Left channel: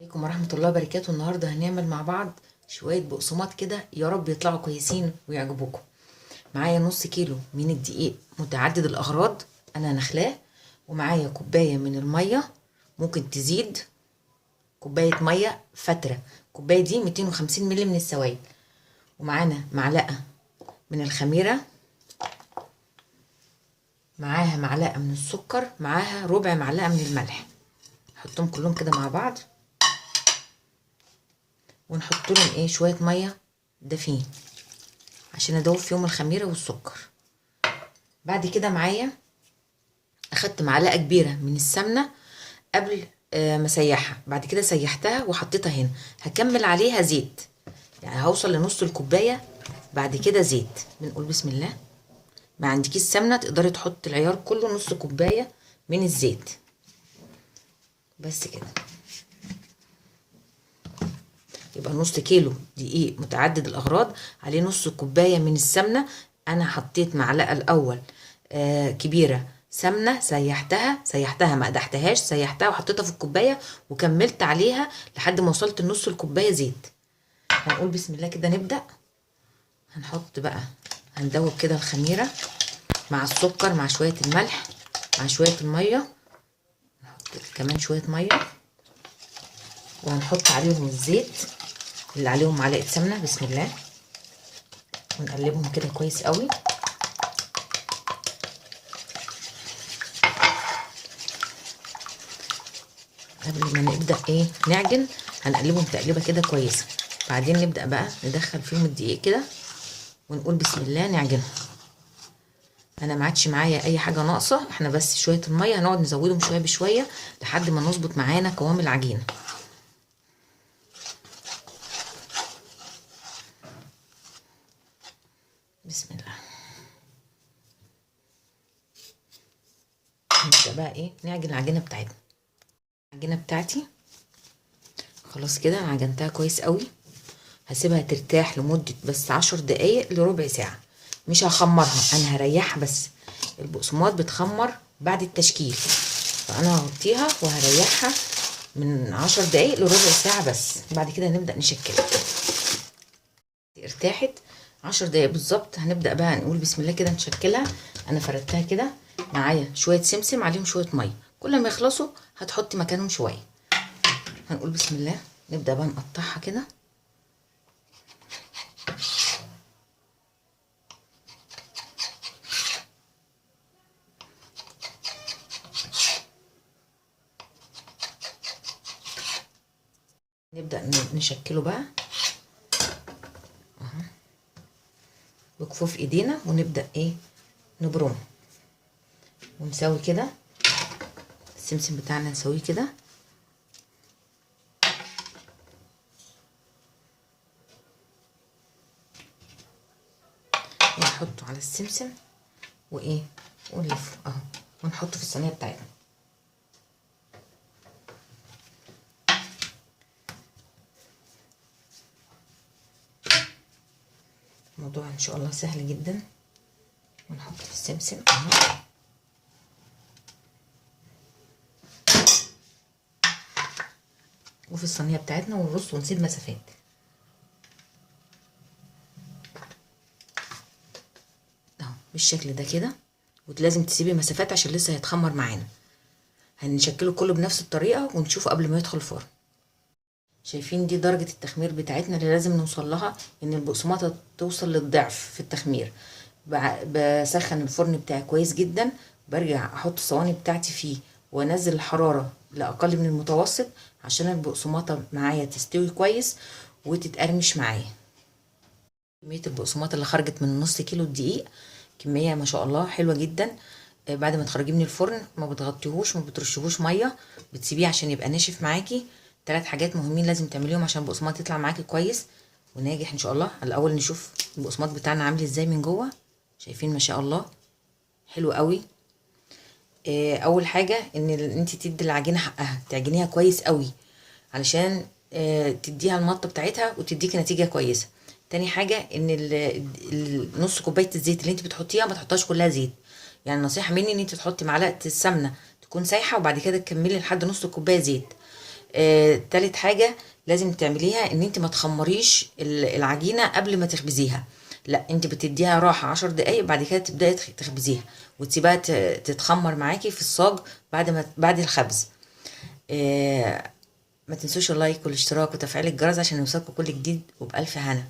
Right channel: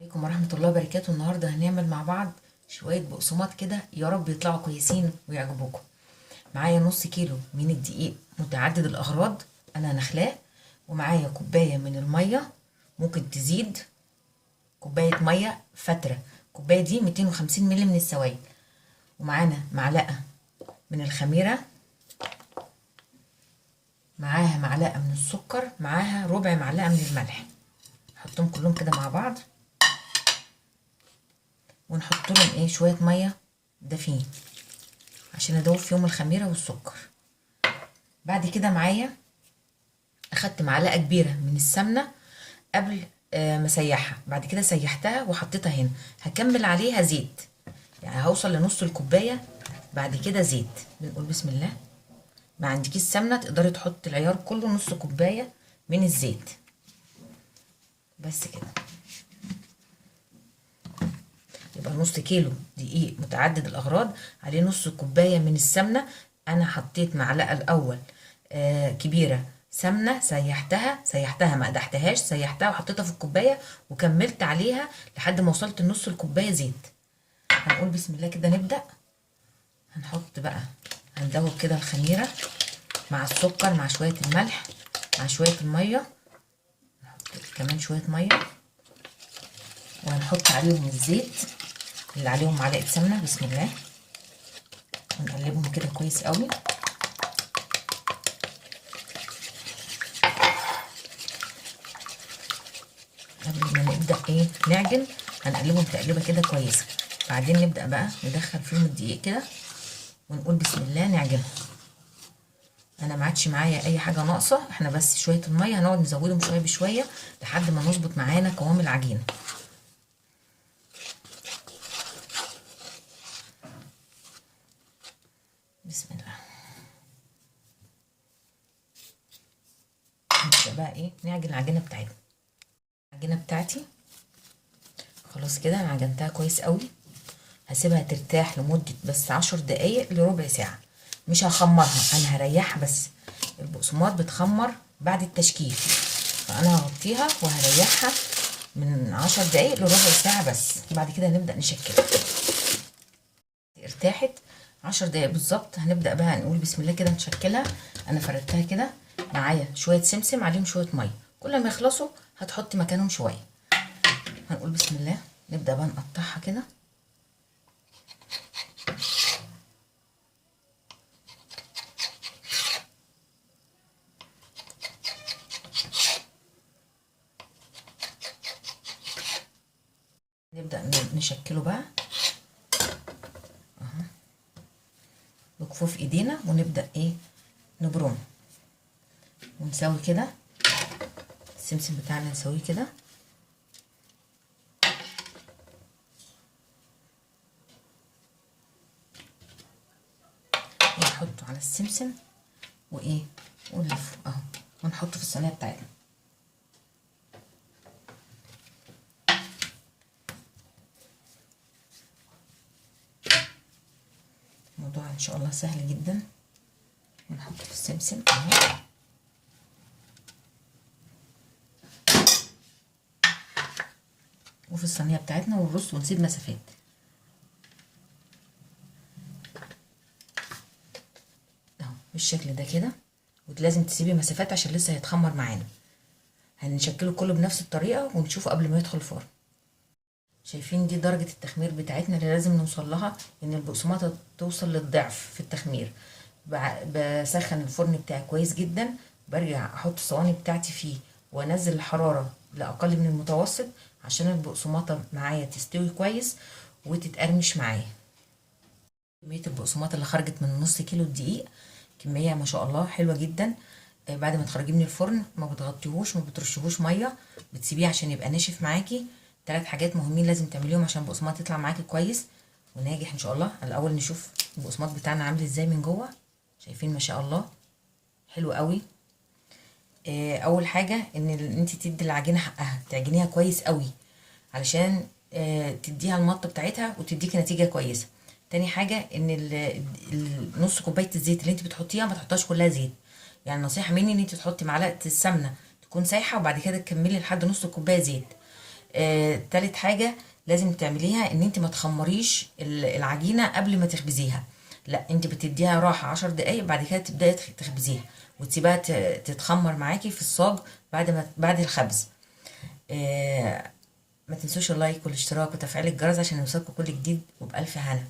عليكم ورحمة الله وبركاته. النهاردة هنعمل مع بعض شوية بقسماط كده، يا رب يطلعوا كويسين ويعجبوكم. معايا نص كيلو من الدقيق متعدد الأغراض أنا نخلاه، ومعايا كوباية من المية، ممكن تزيد كوباية مية فترة. الكوباية دي 250 مللي من السوائل. ومعانا معلقة من الخميرة، معاها معلقة من السكر، معاها ربع معلقة من الملح. نحطهم كلهم كده مع بعض ونحط لهم شويه ميه دافين عشان ادوب فيهم الخميره والسكر. بعد كده معايا اخدت معلقه كبيره من السمنه قبل ما اسيحها، بعد كده سيحتها وحطيتها هنا. هكمل عليها زيت، يعني هوصل لنص الكوبايه. بعد كده زيت. بنقول بسم الله. ما عندكيش سمنه تقدري تحط العيار كله نص كوبايه من الزيت بس كده. يبقى نص كيلو دقيق متعدد الاغراض عليه نص كوبايه من السمنه. انا حطيت معلقه الاول كبيره سمنه، سيحتها ما قدحتهاش، سيحتها وحطيتها في الكوبايه وكملت عليها لحد ما وصلت لنص الكوبايه زيت. هنقول بسم الله كده نبدا. هنحط بقى، هندوب كده الخميره مع السكر مع شويه الملح مع شويه الميه. نحط كمان شويه ميه وهنحط عليهم الزيت اللي عليهم معلقه سمنه. بسم الله. ونقلبهم كده كويس قوي. قبل ما نبدا نعجن هنقلبهم تقليبه كده كويسه. بعدين نبدا بقى ندخل فيهم الدقيق كده ونقول بسم الله نعجنهم. انا ما عادش معايا اي حاجه ناقصه، احنا بس شويه الميه هنقعد نزودهم شويه بشويه لحد ما نظبط معانا قوام العجينه. بسم الله. نبدا بقى نعجن العجينه بتاعتنا. العجينه بتاعتي خلاص كده انا عجنتها كويس قوي. هسيبها ترتاح لمده بس 10 دقايق لربع ساعه. مش هخمرها، انا هريحها بس. البقسماط بتخمر بعد التشكيل، فانا هغطيها وهريحها من 10 دقايق لربع ساعه بس. بعد كده نبدا نشكلها. ارتاحت 10 دقايق بالظبط، هنبدا بقى نقول بسم الله كده نشكلها. انا فردتها كده، معايا شويه سمسم عليهم شويه ميه، كل ما يخلصوا هتحطي مكانهم شويه. هنقول بسم الله. نبدا بقى نقطعها كده. نبدا نشكله بقى اهو بكفوف ايدينا، ونبدا نبرمه ونسوي كده. السمسم بتاعنا نسويه كده. ونحطه على السمسم ونلفه اهو ونحطه في الصينيه بتاعتنا. الموضوع ان شاء الله سهل جدا. ونحط في السمسم اهو. وفي الصينيه بتاعتنا ونرص ونسيب مسافات اهو بالشكل ده كده. ولازم تسيبي مسافات عشان لسه هيتخمر معانا. هنشكله كله بنفس الطريقه ونشوفه قبل ما يدخل الفرن. شايفين دي درجه التخمير بتاعتنا اللي لازم نوصل لها، ان البقسماطه توصل للضعف في التخمير. بسخن الفرن بتاعي كويس جدا، برجع احط الصواني بتاعتي فيه وانزل الحراره لاقل من المتوسط عشان البقسماطه معايا تستوي كويس وتتقرمش معايا. كميه البقسماط اللي خرجت من نص كيلو الدقيق كميه ما شاء الله حلوه جدا. بعد ما تخرجيه من الفرن ما بتغطيهوش، ما بترشهوش ميه، بتسيبيه عشان يبقى ناشف معاكي. 3 حاجات مهمين لازم تعمليهم عشان البقسماط يطلع معاكي كويس وناجح ان شاء الله. الاول نشوف البقسماط بتاعنا عامل ازاي من جوه. شايفين ما شاء الله حلو قوي. اول حاجه ان انت تدي العجينه حقها، تعجنيها كويس قوي علشان تديها المطه بتاعتها وتديكي نتيجه كويسه. تاني حاجه ان نص كوبايه الزيت اللي انت بتحطيها ما تحطهاش كلها زيت. يعني نصيحه مني ان انت تحطي معلقه السمنه تكون سايحه وبعد كده تكملي لحد نص كوبايه زيت. تالت حاجة لازم تعمليها ان انت ما تخمريش العجينة قبل ما تخبزيها. لا، انت بتديها راحة 10 دقايق، بعد كده تبدأي تخبزيها وتسيبها تتخمر معاكي في الصاج بعد الخبز. ما تنسوش اللايك والاشتراك وتفعيل الجرس عشان يوصلكوا كل جديد، وبألف هنا.